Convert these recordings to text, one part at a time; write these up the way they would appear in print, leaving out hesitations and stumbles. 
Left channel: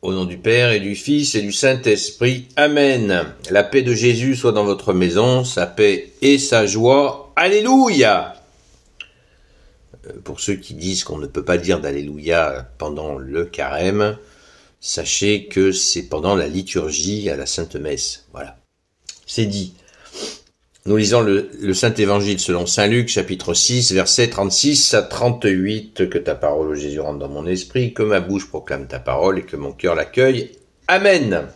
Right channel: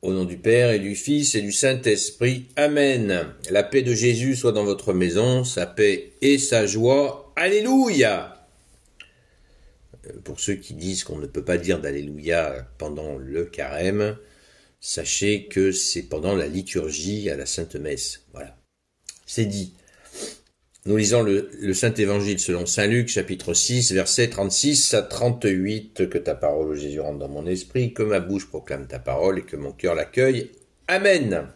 Au nom du Père et du Fils et du Saint-Esprit. Amen. La paix de Jésus soit dans votre maison, sa paix et sa joie. Alléluia. Pour ceux qui disent qu'on ne peut pas dire d'Alléluia pendant le carême, sachez que c'est pendant la liturgie à la Sainte Messe. Voilà. C'est dit. Nous lisons le Saint-Évangile selon Saint Luc, chapitre 6, versets 36 à 38. Que ta parole, ô Jésus, rentre dans mon esprit, que ma bouche proclame ta parole et que mon cœur l'accueille. Amen.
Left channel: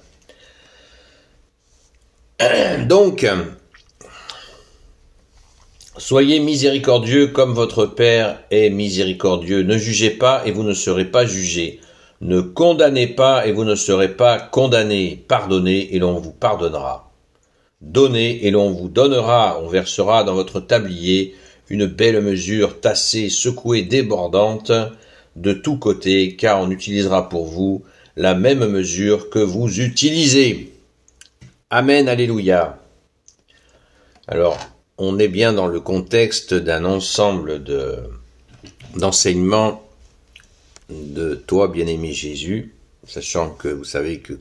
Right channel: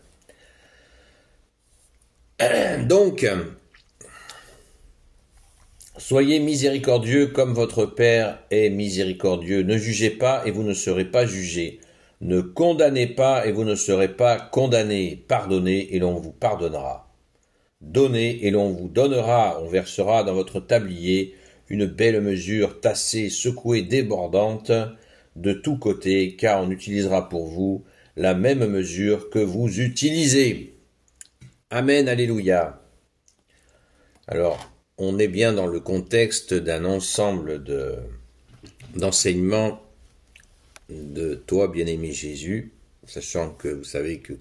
Donc, soyez miséricordieux comme votre Père est miséricordieux. Ne jugez pas et vous ne serez pas jugés. Ne condamnez pas et vous ne serez pas condamnés. Pardonnez et l'on vous pardonnera. Donnez et l'on vous donnera, on versera dans votre tablier une belle mesure tassée, secouée, débordante de tous côtés, car on utilisera pour vous la même mesure que vous utilisez. Amen, alléluia. Alors, on est bien dans le contexte d'un ensemble d'enseignements de toi, bien-aimé Jésus, sachant que vous savez que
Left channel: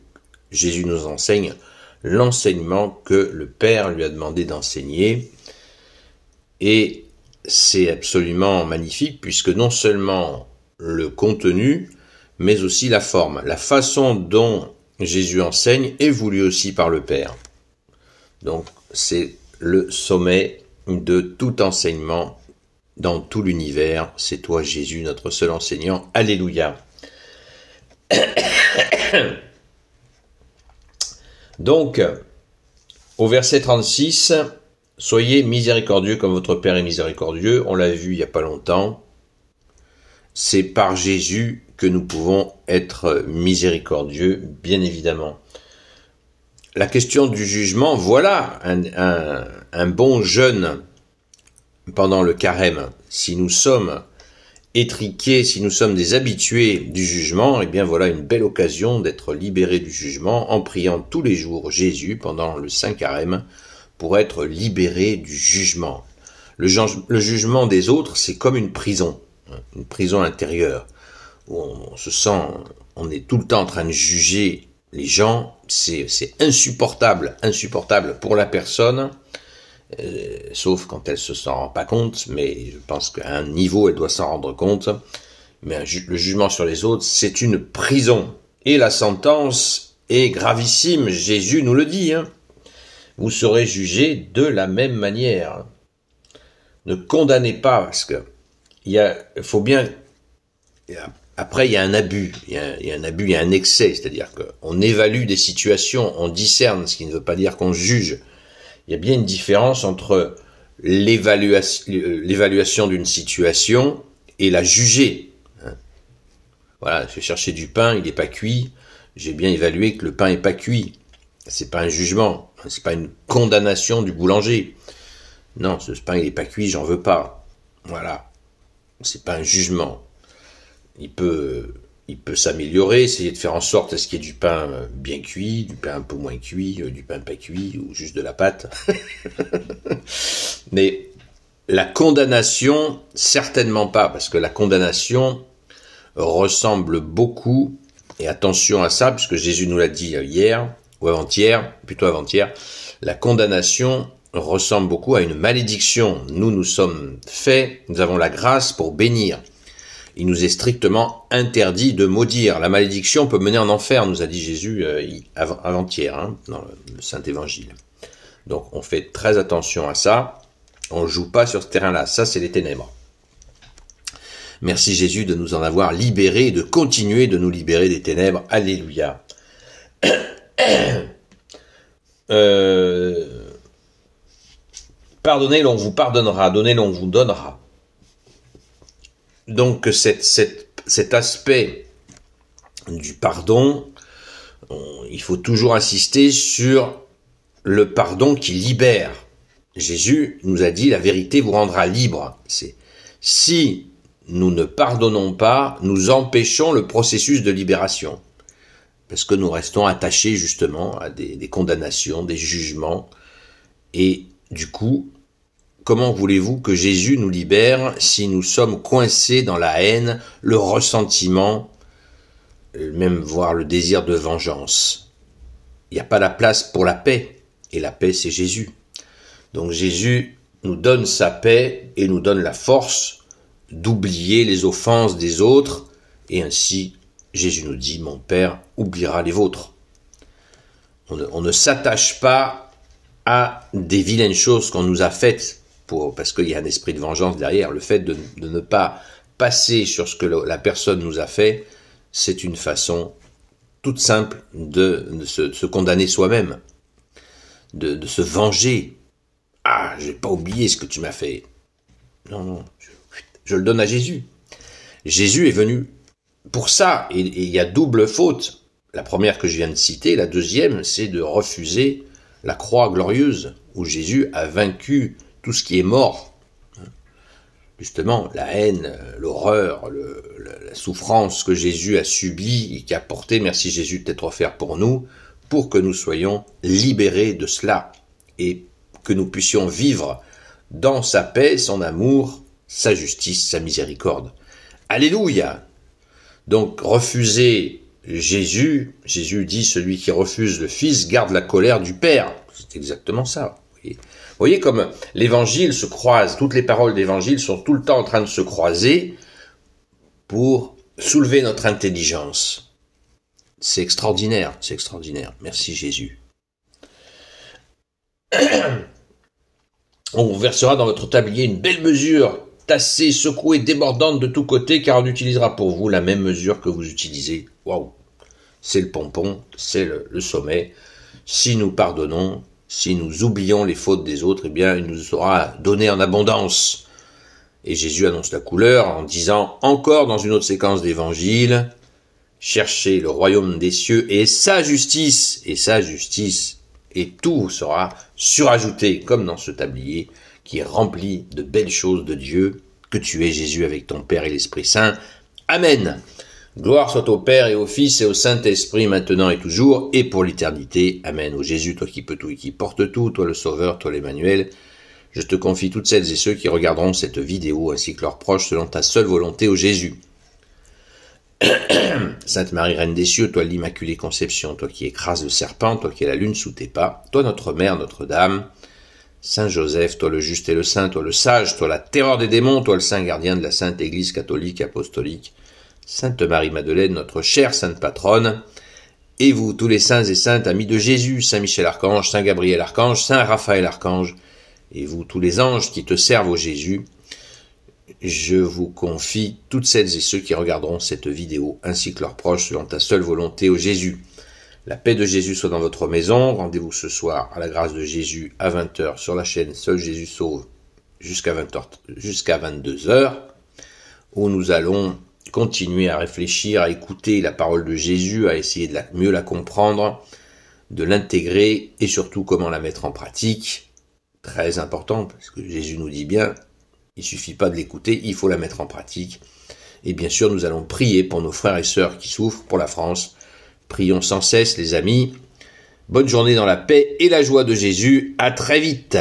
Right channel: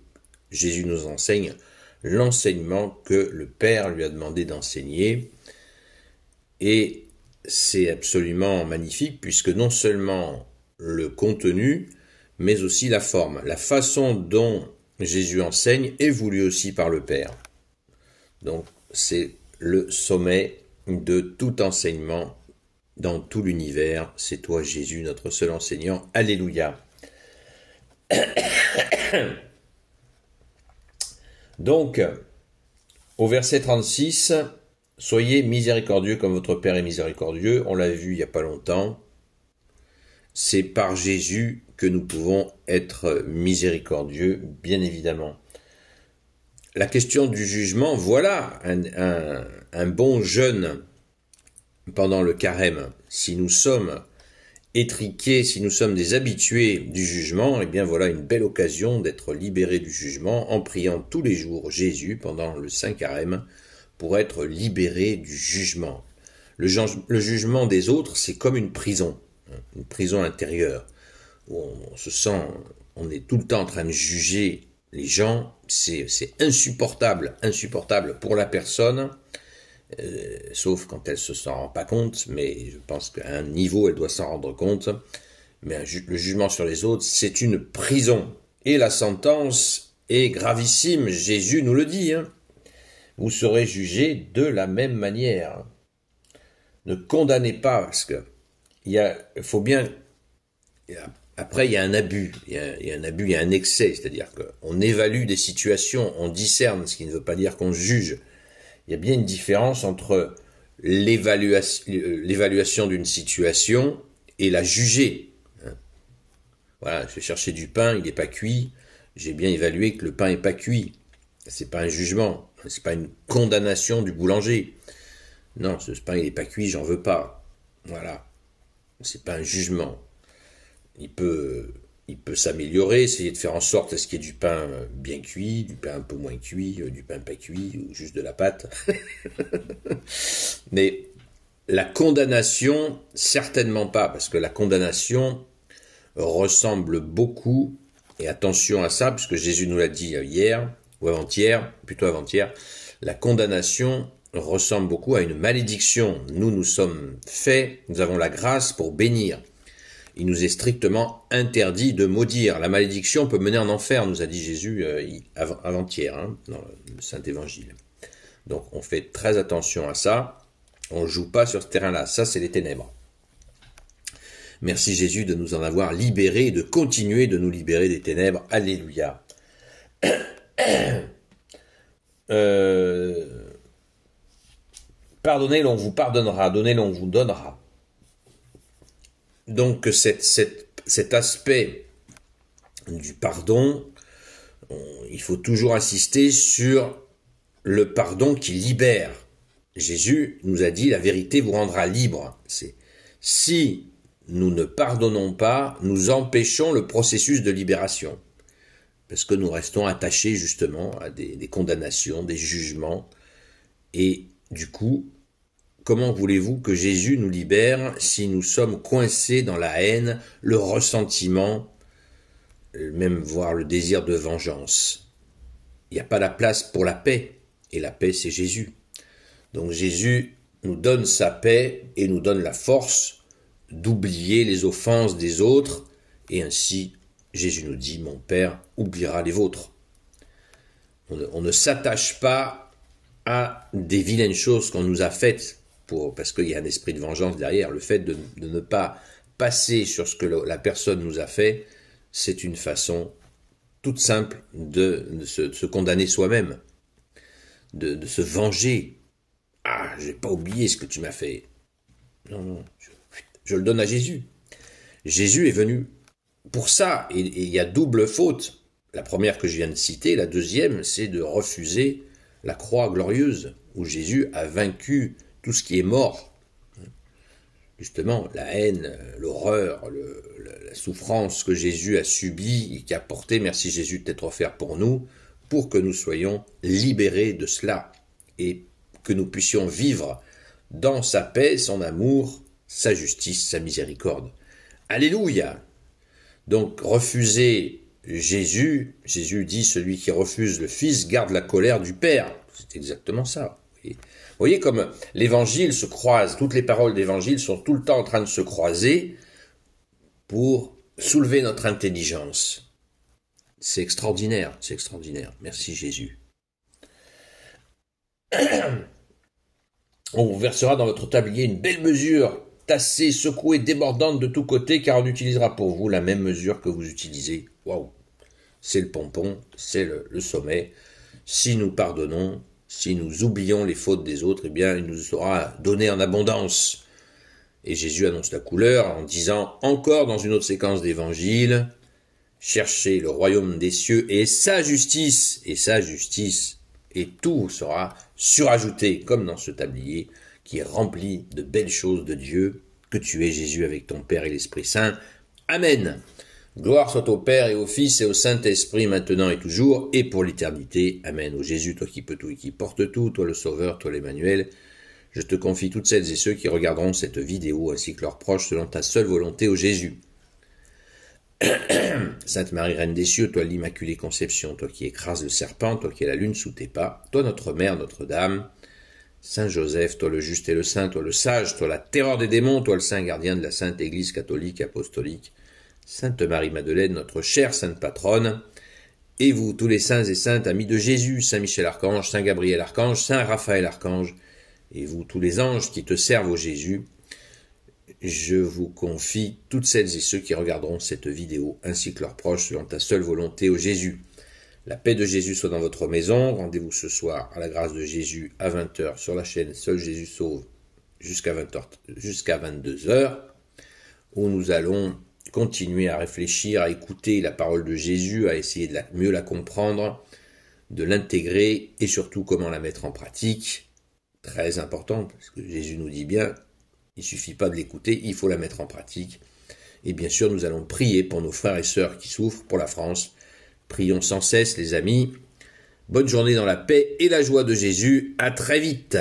Jésus nous enseigne l'enseignement que le Père lui a demandé d'enseigner. Et c'est absolument magnifique puisque non seulement le contenu, mais aussi la forme. La façon dont Jésus enseigne est voulue aussi par le Père. Donc c'est le sommet de tout enseignement dans tout l'univers. C'est toi Jésus, notre seul enseignant. Alléluia. Donc, au verset 36, « Soyez miséricordieux comme votre Père est miséricordieux », on l'a vu il n'y a pas longtemps, c'est par Jésus que nous pouvons être miséricordieux, bien évidemment. La question du jugement, voilà un bon jeûne pendant le carême. Si nous sommes étriqués, si nous sommes des habitués du jugement, eh bien voilà une belle occasion d'être libérés du jugement en priant tous les jours Jésus pendant le Saint Carême pour être libérés du jugement. Le jugement des autres, c'est comme une prison intérieure où on se sent, on est tout le temps en train de juger les gens, c'est insupportable pour la personne. Sauf quand elle se s'en rend pas compte, mais je pense qu'à un niveau elle doit s'en rendre compte. Mais le jugement sur les autres, c'est une prison. Et la sentence est gravissime, Jésus nous le dit. Vous serez jugés de la même manière. Ne condamnez pas, parce que faut bien. Après, il y a un abus, il y a un excès, c'est-à-dire qu'on évalue des situations, on discerne, ce qui ne veut pas dire qu'on juge. Il y a bien une différence entre l'évaluation d'une situation et la juger. Voilà, je vais chercher du pain, il n'est pas cuit. J'ai bien évalué que le pain n'est pas cuit. C'est pas un jugement, c'est pas une condamnation du boulanger. Non, ce pain il n'est pas cuit, j'en veux pas. Voilà, c'est pas un jugement. Il peut s'améliorer, essayer de faire en sorte à ce qu'il y ait du pain bien cuit, du pain un peu moins cuit, du pain pas cuit, ou juste de la pâte. Mais la condamnation, certainement pas, parce que la condamnation ressemble beaucoup, et attention à ça, puisque Jésus nous l'a dit hier, ou avant-hier, plutôt avant-hier, la condamnation ressemble beaucoup à une malédiction. Nous sommes faits, nous avons la grâce pour bénir. Il nous est strictement interdit de maudire. La malédiction peut mener en enfer, nous a dit Jésus avant-hier, dans le Saint-Évangile. Donc on fait très attention à ça. On ne joue pas sur ce terrain-là. Ça, c'est les ténèbres. Merci Jésus de nous en avoir libérés et de continuer de nous libérer des ténèbres. Alléluia. Pardonnez, l'on vous pardonnera. Donnez, l'on vous donnera. Donc cet aspect du pardon, il faut toujours insister sur le pardon qui libère. Jésus nous a dit la vérité vous rendra libre. Si nous ne pardonnons pas, nous empêchons le processus de libération. Parce que nous restons attachés justement à des condamnations, des jugements. Et du coup, comment voulez-vous que Jésus nous libère si nous sommes coincés dans la haine, le ressentiment, même voire le désir de vengeance. Il n'y a pas la place pour la paix, et la paix c'est Jésus. Donc Jésus nous donne sa paix et nous donne la force d'oublier les offenses des autres, et ainsi Jésus nous dit, mon Père oubliera les vôtres. On ne s'attache pas à des vilaines choses qu'on nous a faites, parce qu'il y a un esprit de vengeance derrière. Le fait de ne pas passer sur ce que la personne nous a fait, c'est une façon toute simple de se condamner soi-même, de se venger. Ah, je n'ai pas oublié ce que tu m'as fait. Non, je le donne à Jésus. Jésus est venu pour ça, et il y a double faute. La première que je viens de citer, la deuxième, c'est de refuser la croix glorieuse, où Jésus a vaincu tout ce qui est mort. Justement, la haine, l'horreur, la souffrance que Jésus a subie et qui a porté, merci Jésus de t'être offert pour nous, pour que nous soyons libérés de cela et que nous puissions vivre dans sa paix, son amour, sa justice, sa miséricorde. Alléluia! Donc, refuser Jésus, Jésus dit, celui qui refuse le Fils garde la colère du Père. C'est exactement ça. Vous voyez comme l'évangile se croise, toutes les paroles d'évangile sont tout le temps en train de se croiser pour soulever notre intelligence. C'est extraordinaire, c'est extraordinaire. Merci Jésus. On vous versera dans votre tablier une belle mesure, tassée, secouée, débordante de tous côtés, car on utilisera pour vous la même mesure que vous utilisez. Waouh! C'est le pompon, c'est le sommet. Si nous pardonnons, si nous oublions les fautes des autres, eh bien, il nous sera donné en abondance. Et Jésus annonce la couleur en disant, encore dans une autre séquence d'évangile, cherchez le royaume des cieux et sa justice, et tout sera surajouté, comme dans ce tablier qui est rempli de belles choses de Dieu, que tu es Jésus avec ton Père et l'Esprit Saint. Amen. Gloire soit au Père et au Fils et au Saint-Esprit, maintenant et toujours, et pour l'éternité. Amen. Ô Jésus, toi qui peux tout et qui portes tout, toi le Sauveur, toi l'Emmanuel, je te confie toutes celles et ceux qui regarderont cette vidéo, ainsi que leurs proches, selon ta seule volonté, ô Jésus. Sainte Marie, Reine des cieux, toi l'Immaculée Conception, toi qui écrases le serpent, toi qui es la lune sous tes pas, toi notre Mère, Notre-Dame, Saint Joseph, toi le juste et le saint, toi le sage, toi la terreur des démons, toi le saint gardien de la Sainte Église catholique apostolique, Sainte Marie-Madeleine, notre chère sainte patronne, et vous, tous les saints et saintes, amis de Jésus, Saint Michel Archange, Saint Gabriel Archange, Saint Raphaël Archange, et vous, tous les anges qui te servent au Jésus, je vous confie toutes celles et ceux qui regarderont cette vidéo, ainsi que leurs proches, selon ta seule volonté, ô Jésus. La paix de Jésus soit dans votre maison. Rendez-vous ce soir à la grâce de Jésus à 20h sur la chaîne Seul Jésus Sauve jusqu'à 22h, où nous allons continuer à réfléchir, à écouter la parole de Jésus, à essayer de mieux la comprendre, de l'intégrer et surtout comment la mettre en pratique. Très important, parce que Jésus nous dit bien, il ne suffit pas de l'écouter, il faut la mettre en pratique. Et bien sûr, nous allons prier pour nos frères et sœurs qui souffrent, pour la France. Prions sans cesse, les amis. Bonne journée dans la paix et la joie de Jésus. À très vite.